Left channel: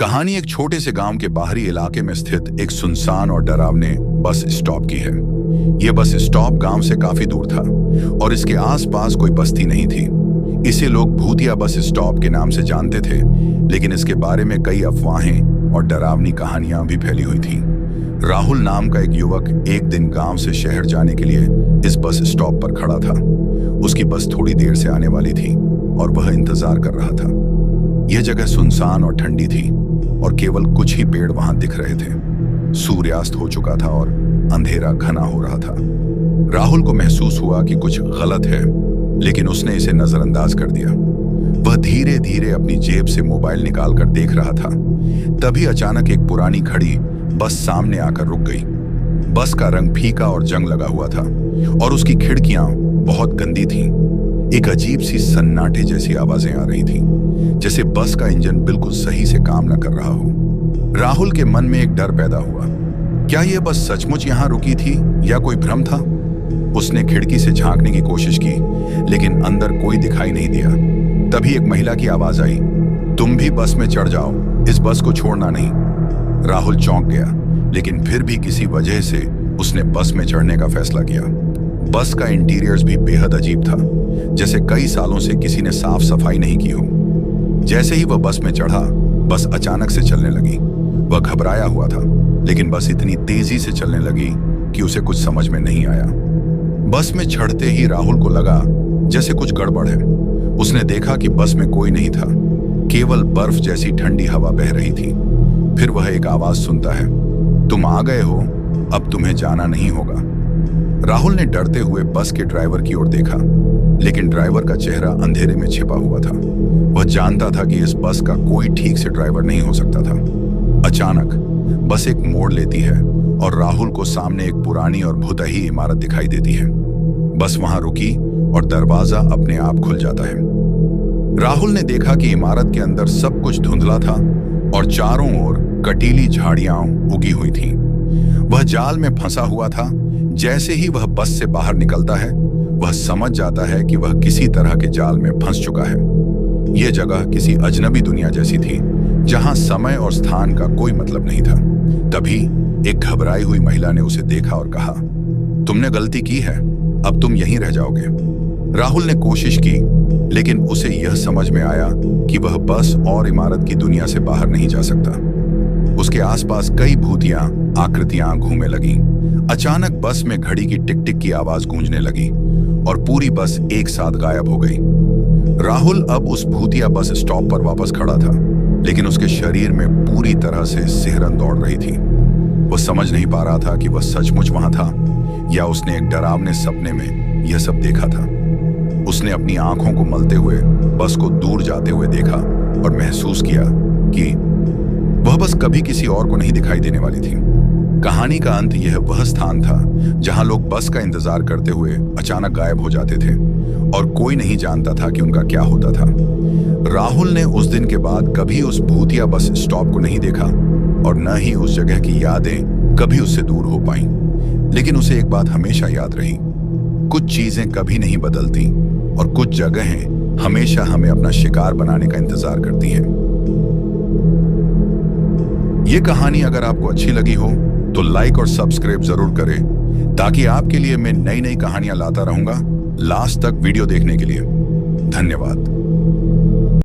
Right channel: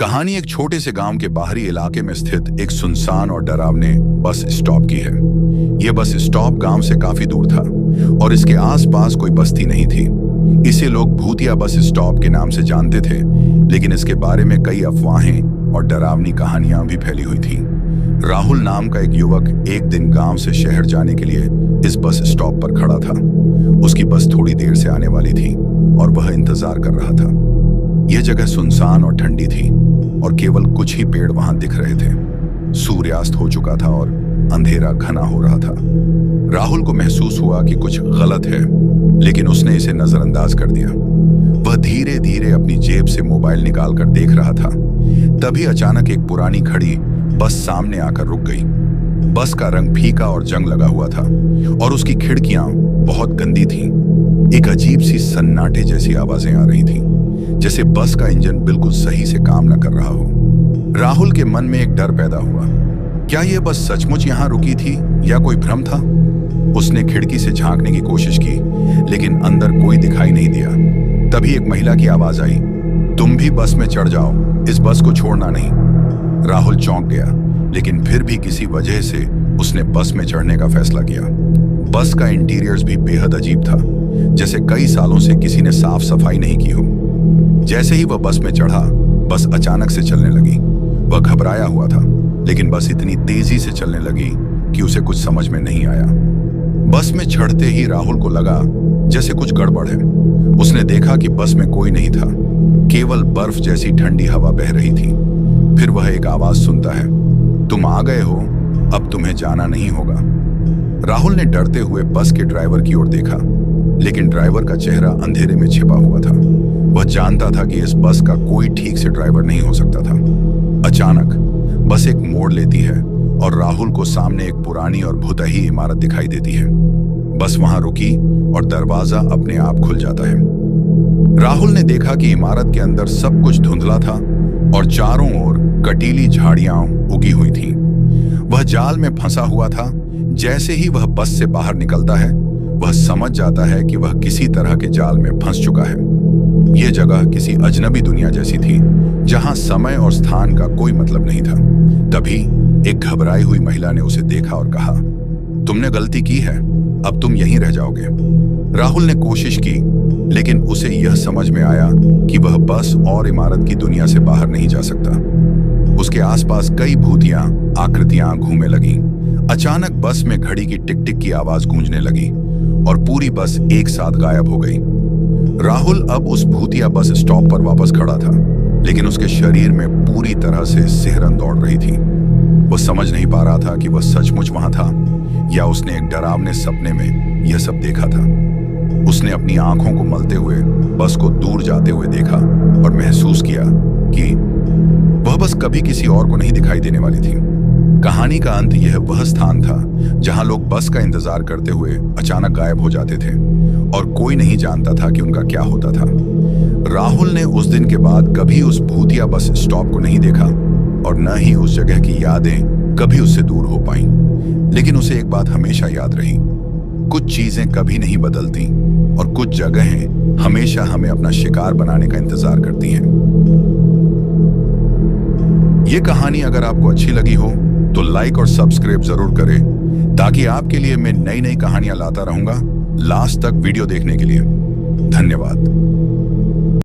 कहानी एक छोटे से गांव के बाहरी इलाके में स्थित एक सुनसान और डरावने बस स्टॉप की है। यह बस स्टॉप गांव से काफी दूर था और इसके आसपास कोई बस्ती नहीं थी। इसे लोग भूतिया बस स्टॉप के नाम से जानते थे, लेकिन इसके बारे में कई अफवाहें और डरावनी कहानियां भी फैली हुई थी। राहुल नाम का एक युवक एक दिन गांव से शहर जाने के लिए इस बस स्टॉप पर खड़ा था। उसकी बस थोड़ी देर से आने वाली थी और वह इंतजार कर रहा था। यह जगह सुनसान और ठंडी थी और केवल कुछ ही पेड़ वहां दिख रहे थे। सूर्यास्त हो चुका था और अंधेरा घना हो रहा था। राहुल को महसूस हुआ कि कुछ गलत है, लेकिन उसने इसे नजरअंदाज कर दिया। वह धीरे धीरे अपनी जेब से मोबाइल निकालकर देख रहा था। तभी अचानक एक पुरानी घड़ी बस सामने आकर रुक गई। बस का रंग फीका और जंग लगा हुआ था और उसकी खिड़कियां बहुत गंदी थीं। एक अजीब सी सन्नाटे जैसी आवाजें आ रही थीं, जैसे बस का इंजन बिल्कुल सही से काम न कर रहा हो। राहुल के मन में एक डर पैदा हुआ। क्या यह बस सचमुच यहां रुकी थी या कोई भ्रम था? उसने खिड़की से झांकने की कोशिश की, लेकिन अंदर कोई दिखाई नहीं दिया। तभी एक महिला की आवाज आई, तुम भी बस में चढ़ जाओ, इस बस को छोड़ना नहीं। राहुल चौंक गया, लेकिन फिर भी किसी वजह से उसने बस में चढ़ने का फैसला किया। बस का इंटीरियर्स भी बेहद अजीब था, जैसे कई सालों से किसी ने साफ सफाई नहीं की हो। जैसे ही वह बस में चढ़ा, बस अचानक से चलने लगी। वह घबराया हुआ था, लेकिन बस इतनी तेजी से चलने लगी कि उसे कुछ समझ में नहीं आया। बस में चढ़ते ही राहुल को लगा जैसे कुछ गड़बड़ है। उसने देखा कि बस में कोई नहीं था, केवल बर्फ जैसी ठंडी हवा बह रही थी। फिर वह एक आवाज सुनता है, तुम आ गए हो, अब तुम्हें जाना नहीं होगा। राहुल ने डरते हुए बस के ड्राइवर की ओर देखा, लेकिन ड्राइवर का चेहरा अंधेरे में छिपा हुआ था। वह जानता था कि इस बस का कोई ठीक से ड्राइवर नहीं हो सकता था। अचानक बस एक मोड़ लेती है और राहुल को सामने एक पुरानी और भुतही इमारत दिखाई देती है। बस वहां रुकी और दरवाजा अपने आप खुल जाता है। राहुल ने देखा कि इमारत के अंदर सब कुछ धुंधला था और चारों ओर कटीली झाड़ियां उगी हुई थीं। वह जाल में फंसा हुआ था। जैसे ही वह बस से बाहर निकलता है, वह समझ जाता है कि वह किसी तरह के जाल में फंस चुका है। यह जगह किसी अजनबी दुनिया जैसी थी, जहां समय और स्थान का कोई मतलब नहीं था। तभी एक घबराई हुई महिला ने उसे देखा और कहा, तुमने गलती की है, अब तुम यहीं रह जाओगे। राहुल ने कोशिश की, लेकिन उसे यह समझ में आया कि वह बस और इमारत की दुनिया से बाहर नहीं जा सकता। उसके आसपास कई भूतियां आकृतियां घूमने लगीं। अचानक बस में घड़ी की टिक टिक की आवाज गूंजने लगी और पूरी बस एक साथ गायब हो गई। राहुल अब उस भूतिया बस स्टॉप पर वापस खड़ा था, लेकिन उसके शरीर में पूरी तरह से सिहरन दौड़ रही थी। वह समझ नहीं पा रहा था कि वह सचमुच वहां था या उसने एक डरावने सपने में यह सब देखा था। उसने अपनी आंखों को मलते हुए बस को दूर जाते हुए देखा और महसूस किया कि वह बस कभी किसी और को नहीं दिखाई देने वाली थी। कहानी का अंत यह वह स्थान था जहां लोग बस का इंतजार करते हुए अचानक गायब हो जाते थे और कोई नहीं जानता था कि उनका क्या होता था। राहुल ने उस दिन के बाद कभी उस भूतिया बस स्टॉप को नहीं देखा और न ही उस जगह की यादें कभी उससे दूर हो पाईं। लेकिन उसे एक बात हमेशा याद रही, कुछ चीजें कभी नहीं बदलती और कुछ जगहें हमेशा हमें अपना शिकार बनाने का इंतजार करती हैं। ये कहानी अगर आपको अच्छी लगी हो तो लाइक और सब्सक्राइब जरूर करें, ताकि आपके लिए मैं नई नई कहानियां लाता रहूंगा। लास्ट तक वीडियो देखने के लिए धन्यवाद।